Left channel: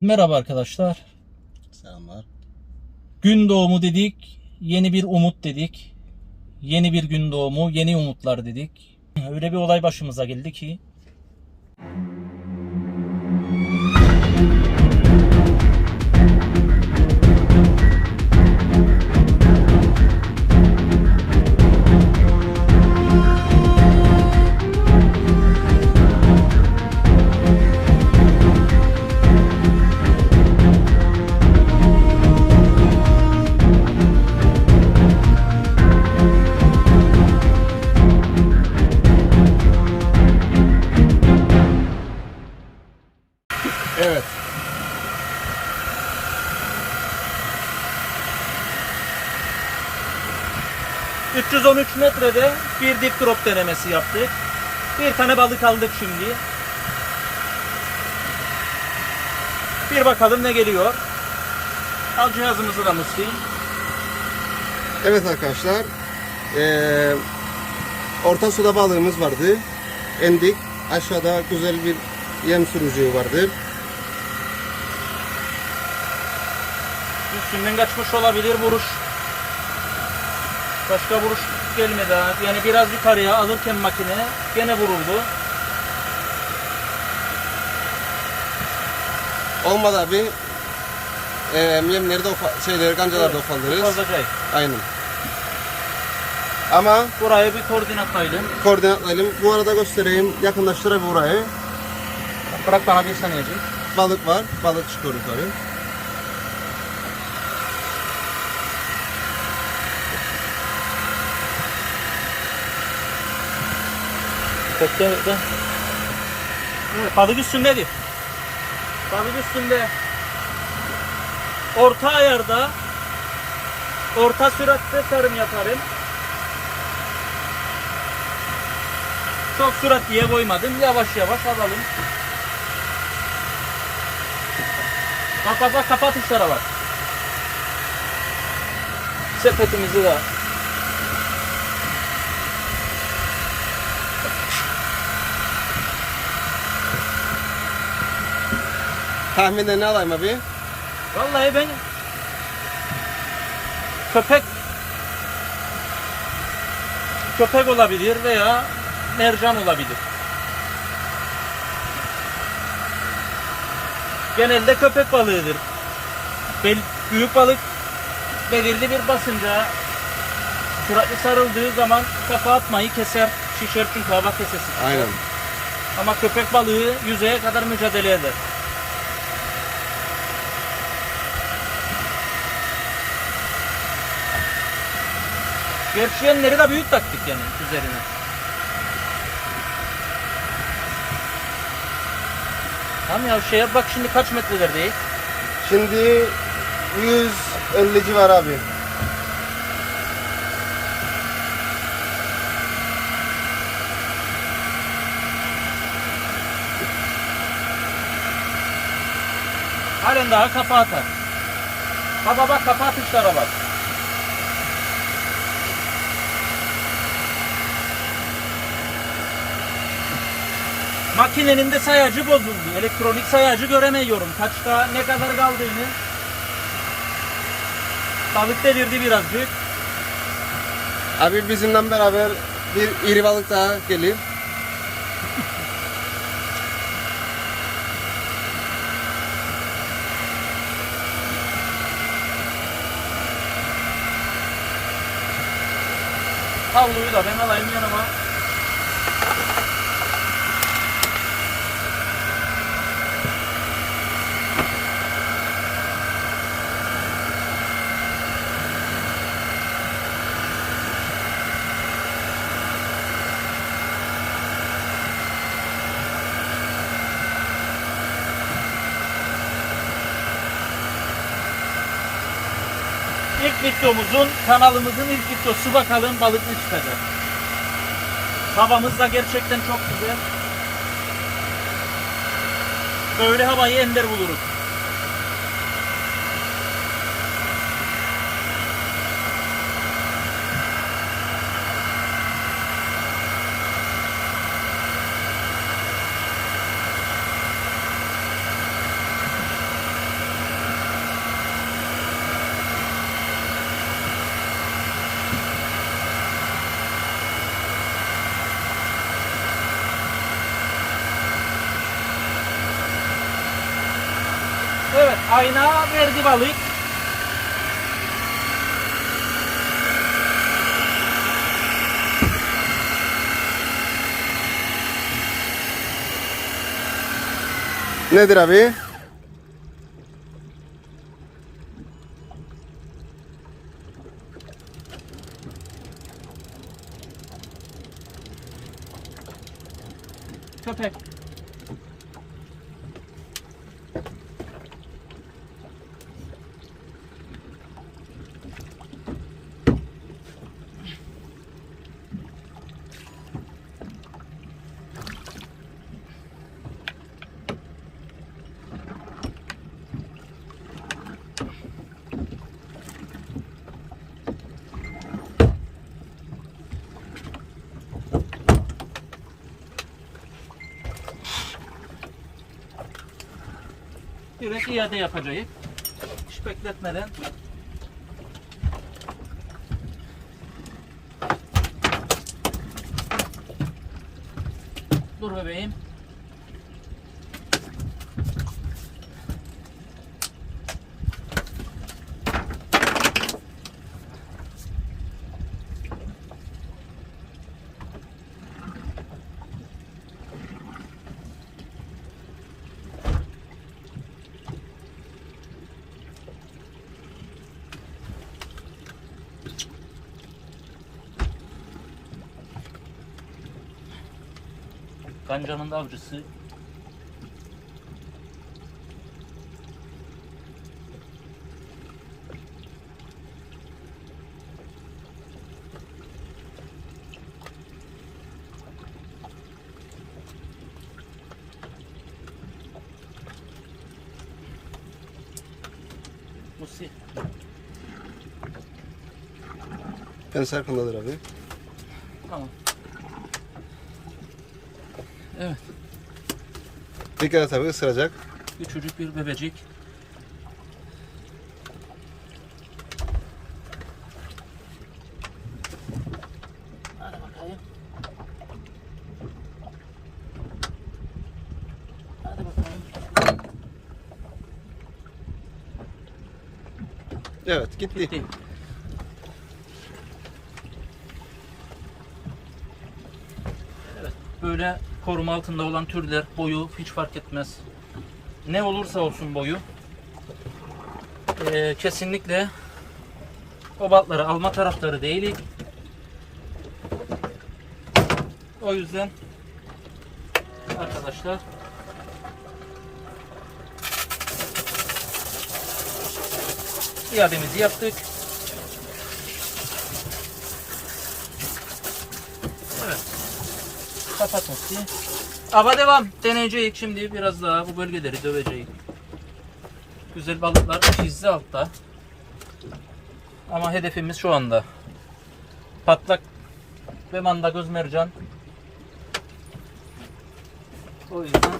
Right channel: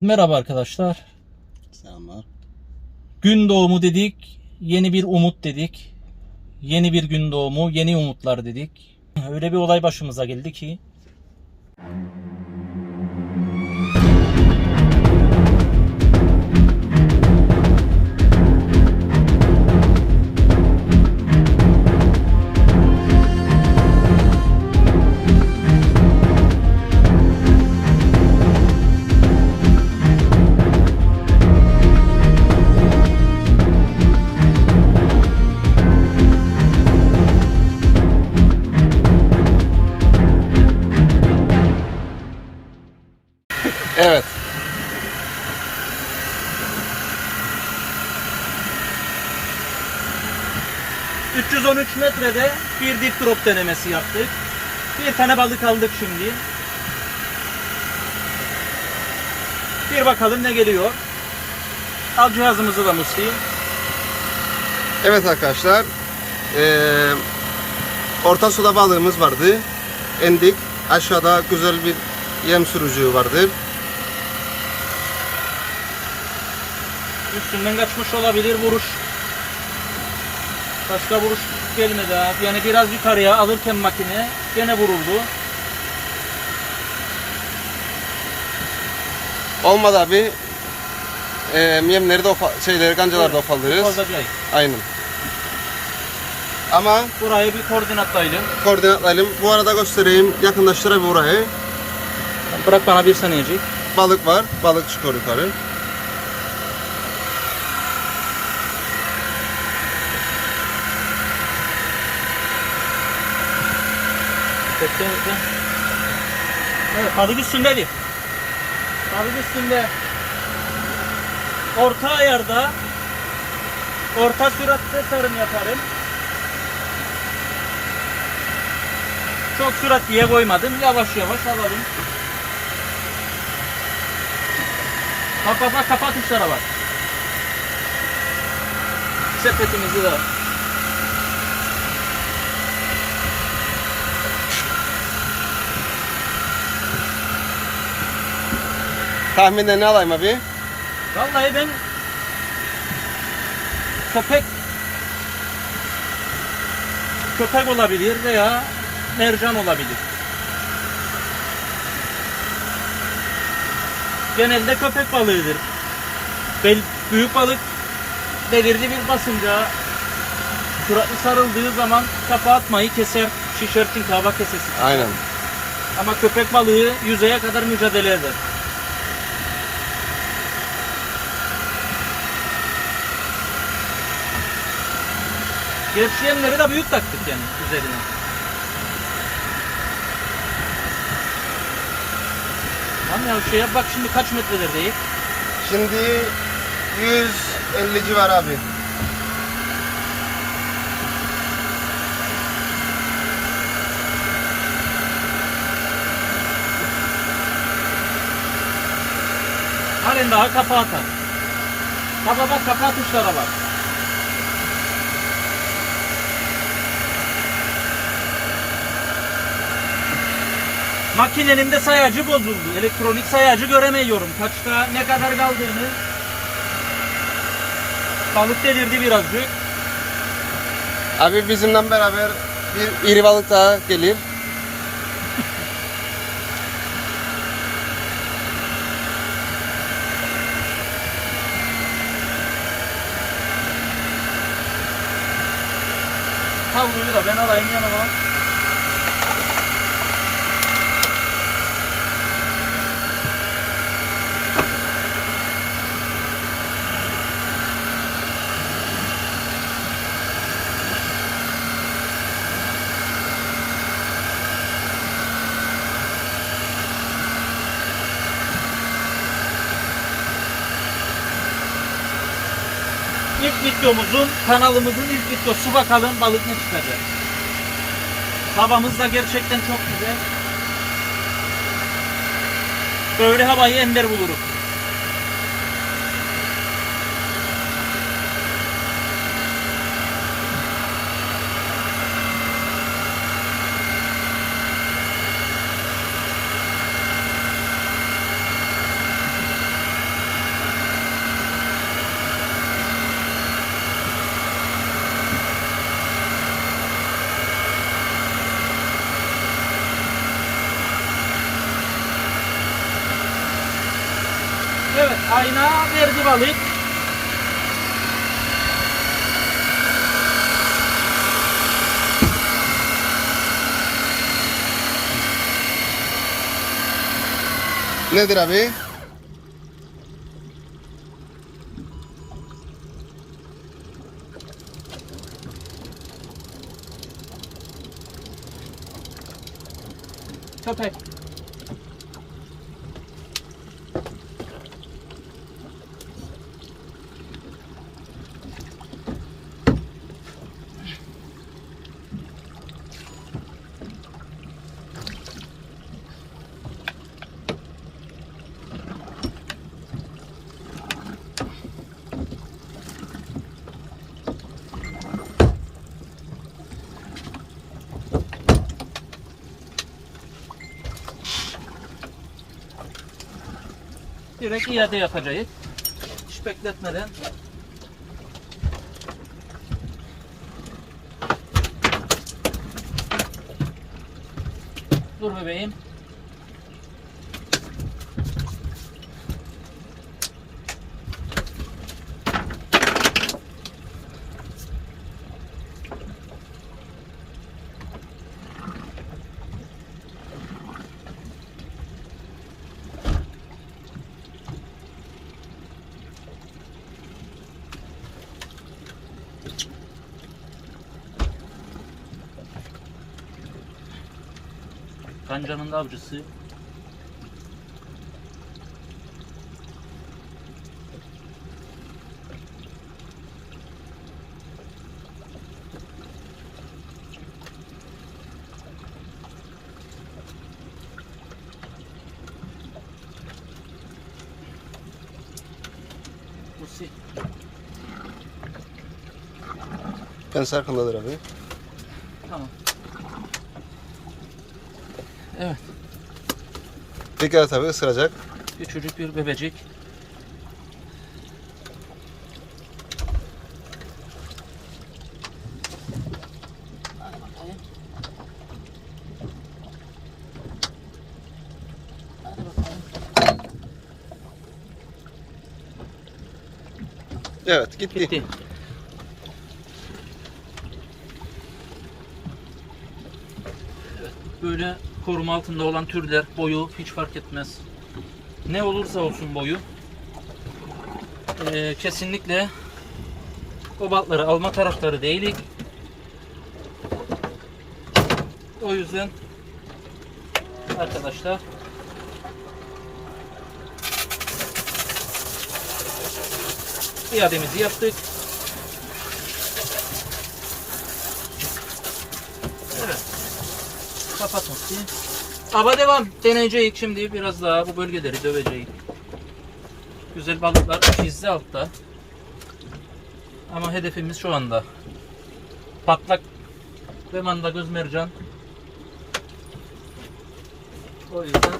Merhaba arkadaşlar. Selamlar. Gün doğumu dedik, yeni bir umut dedik. Yeni bir gün doğumu, yeni umutlar dedik. Öyle bir olay başımıza geldi ki 313 metrede bir dip drop denemesi yaptık. Bir tane balık aldık şimdi. Bir bakalım ne geliyor. Al cihazımızı da Musi. Evet arkadaşlar. Eee orta suda balığımız vardı. Endik. Aşağıda güzel bir yem sürücüğü vardır. Üstünden kaçmış olabilir vuruş. Başka vuruş gelmedi ha. Yani biraz yukarıya alırken makine gene vuruldu. Olmadı abi. Eee yemleri de ofa- şeyleri gancaları da ufaldırırız. Fazlacayı. Aynen. Ama Buraya bir koordinatlayalım. koordinatlayalım. Bu arada göstereyim. Yakınlaştırayım burayı. Bırak bana bir saniyecik. Balık var. Balık çıkıyor yukarı. Bekle bekle. Evet, balık üstündedir. Balık üstünde. Orta ayarda orta süratte sarım yaparım. Çok sürat diye koymadım. Yavaş yavaş alalım. Bak bak bak kapat tuşlara bak. Sepetimizi de. Tahminen ne alayım abi? Vallahi ben köpek köpek olabilir veya mercan olabilir. Genelde köpek balığıdır. Bel, büyük balık belirli bir basınca süratli sarıldığı zaman kafa atmayı keser, şişer çünkü hava kesesi. Aynen. Ama köpek balığı yüzeye kadar mücadele eder. Gevşeyenleri de büyük taktık yani üzerine. Tamam ya şeye bak şimdi kaç metrelerdeyiz? Şimdi 150 civar abi. Halen daha kafa atar. Kafa bak kafa atışlara bak. Makinenin de sayacı bozuldu. Elektronik sayacı göremiyorum. Kaçta ne kadar kaldığını. Balık delirdi birazcık. Abi bizimle beraber bir iri balık daha gelir. Havluyu da ben alayım yanıma. İlk videomuzun, kanalımızın ilk videosu bakalım balık ne çıkacak. Havamız da gerçekten çok güzel. Böyle havayı ender buluruz. Evet ayna verdi balık. Nedir abi? Köpek. Direkt iade yapacağız. Hiç bekletmeden. Dur bebeğim. Kancanın avcısı. Musi. Kendisi arkamdadır abi. Tamam. Evet. Et abi ısıracak. Küçücük bir bebecik. Hadi bakayım. Hadi bakalım. Evet gitti. Gitti. Evet, Böyle koruma altında olan türler boyu hiç fark etmez. Ne olursa olsun boyu. Ee, kesinlikle o balıkları alma taraftarı değilik. O yüzden arkadaşlar iademizi yaptık. Kapatmak diye. Ama devam. Deneyeceğiz şimdi biraz daha bu bölgeleri döveceğiz. Güzel balıklar çizdi altta. Ama hedefimiz şu anda patlak ve manda göz mercan. O yüzden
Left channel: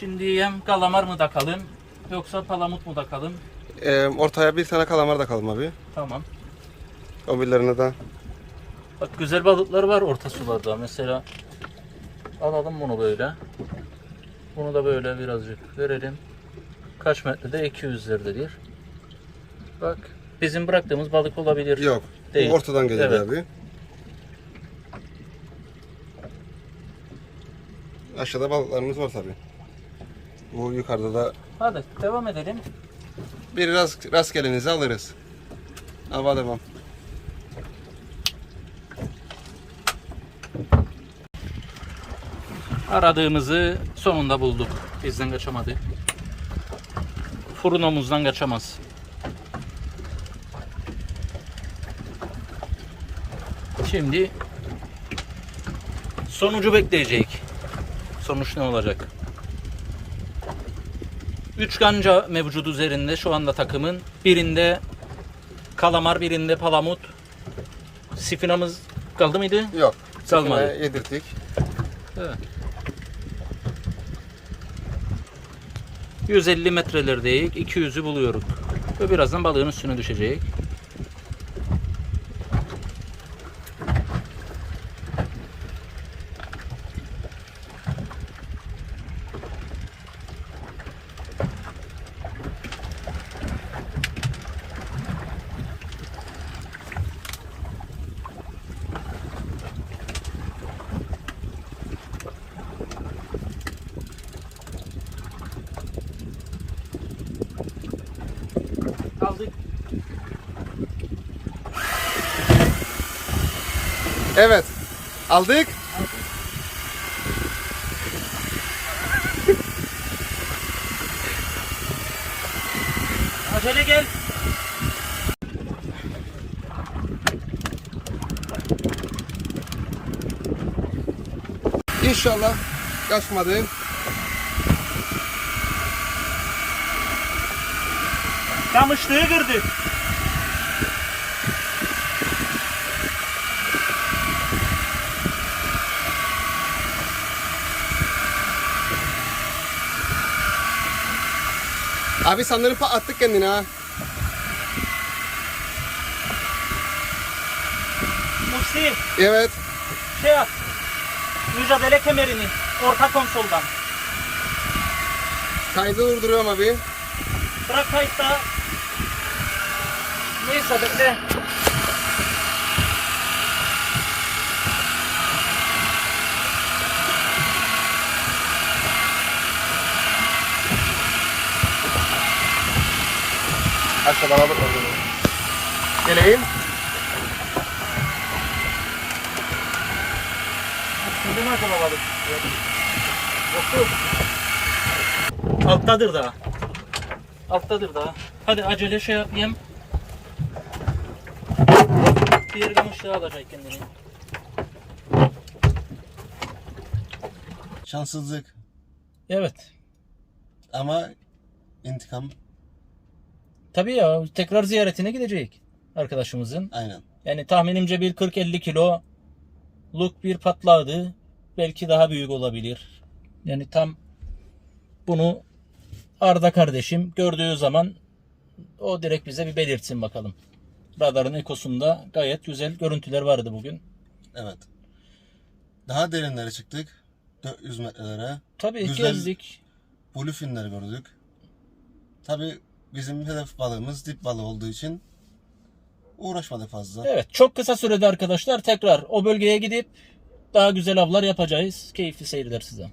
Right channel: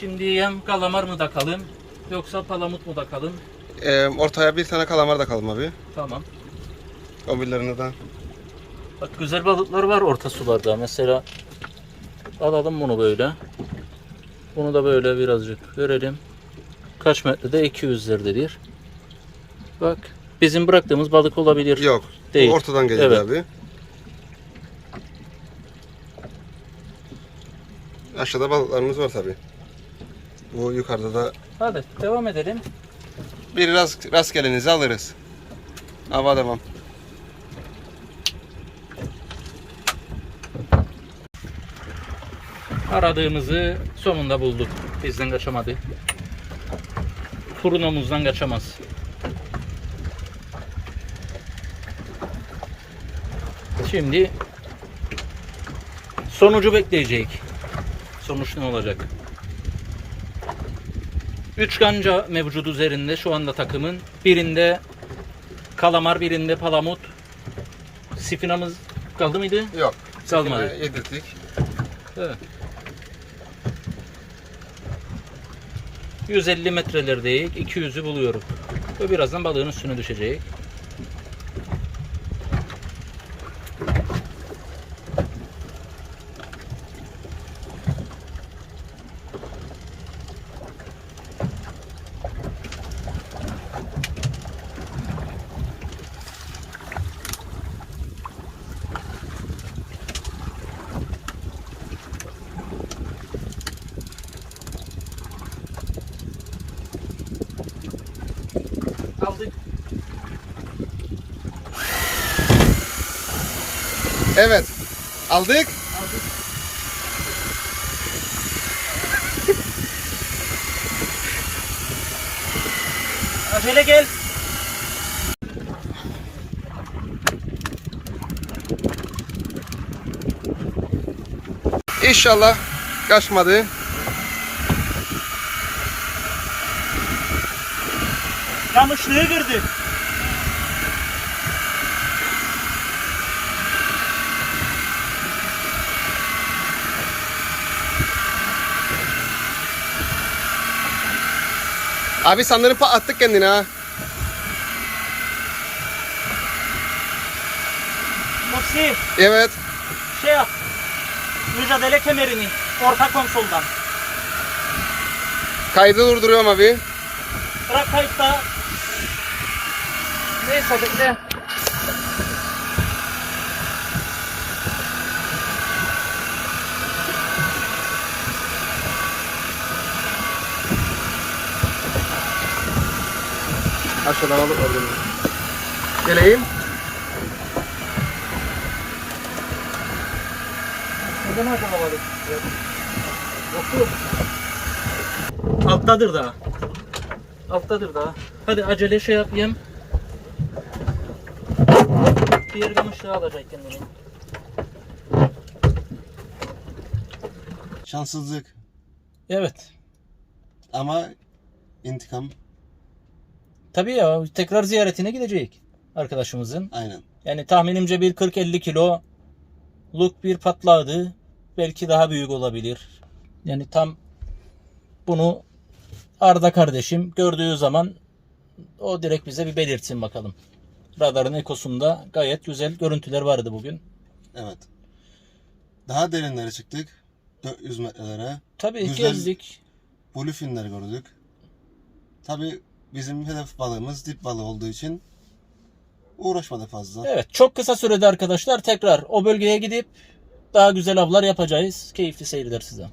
şimdi yem kalamar mı takalım yoksa palamut mu takalım? Ee, ortaya bir tane kalamar da kalım abi. Tamam. O birilerini de. Bak güzel balıklar var orta sularda. Mesela alalım bunu böyle. Bunu da böyle birazcık görelim. Kaç metrede? 200'lerdedir. Bak bizim bıraktığımız balık olabilir. Yok. Değil. Ortadan geliyor Evet. abi. Aşağıda balıklarımız var tabi. Bu yukarıda da Hadi devam edelim. bir rast, rastgelenizi alırız. Hava devam. Aradığımızı sonunda bulduk. Bizden kaçamadı. Furnomuzdan kaçamaz. Şimdi sonucu bekleyecek. Sonuç ne olacak? 3 kanca mevcut üzerinde şu anda takımın. Birinde kalamar, birinde palamut. Sifinamız kaldı mıydı? Yok. Kalmadı. Yedirdik. Evet. 150 metrelerdeyiz. 200'ü buluyoruz. Ve birazdan balığın üstüne düşecek. Aldık. Evet. Aldık. Acele gel. İnşallah kaçmadı. Kamışlığı kırdı. Abi sanırım pa- attık kendini ha. Musi Evet. şey yap. Mücadele kemerini orta konsoldan. Kaydı durduruyorum abi. Bırak kayıtta. Neyse bekle. Aşağıdan alıp Geleyim. Neden acaba balık? Alttadır daha. Alttadır daha. Hadi acele şey yapayım. Diğer kamışlığı alacak kendini. Şanssızlık Evet. ama intikam Tabii ya tekrar ziyaretine gidecek arkadaşımızın. aynen. Yani tahminimce bir 40-50 kiloluk bir patladı. Belki daha büyük olabilir. Yani tam bunu Arda kardeşim gördüğü zaman o direkt bize bir belirtsin bakalım. Radarın ekosunda gayet güzel görüntüler vardı bugün. Evet. Daha derinlere çıktık. 400 metrelere. Tabii Güzel. gezdik. Bluefinleri gördük. Tabi bizim hedef balığımız dip balığı olduğu için uğraşmadık fazla. Evet çok kısa sürede arkadaşlar tekrar o bölgeye gidip daha güzel avlar yapacağız. Keyifli seyirler size.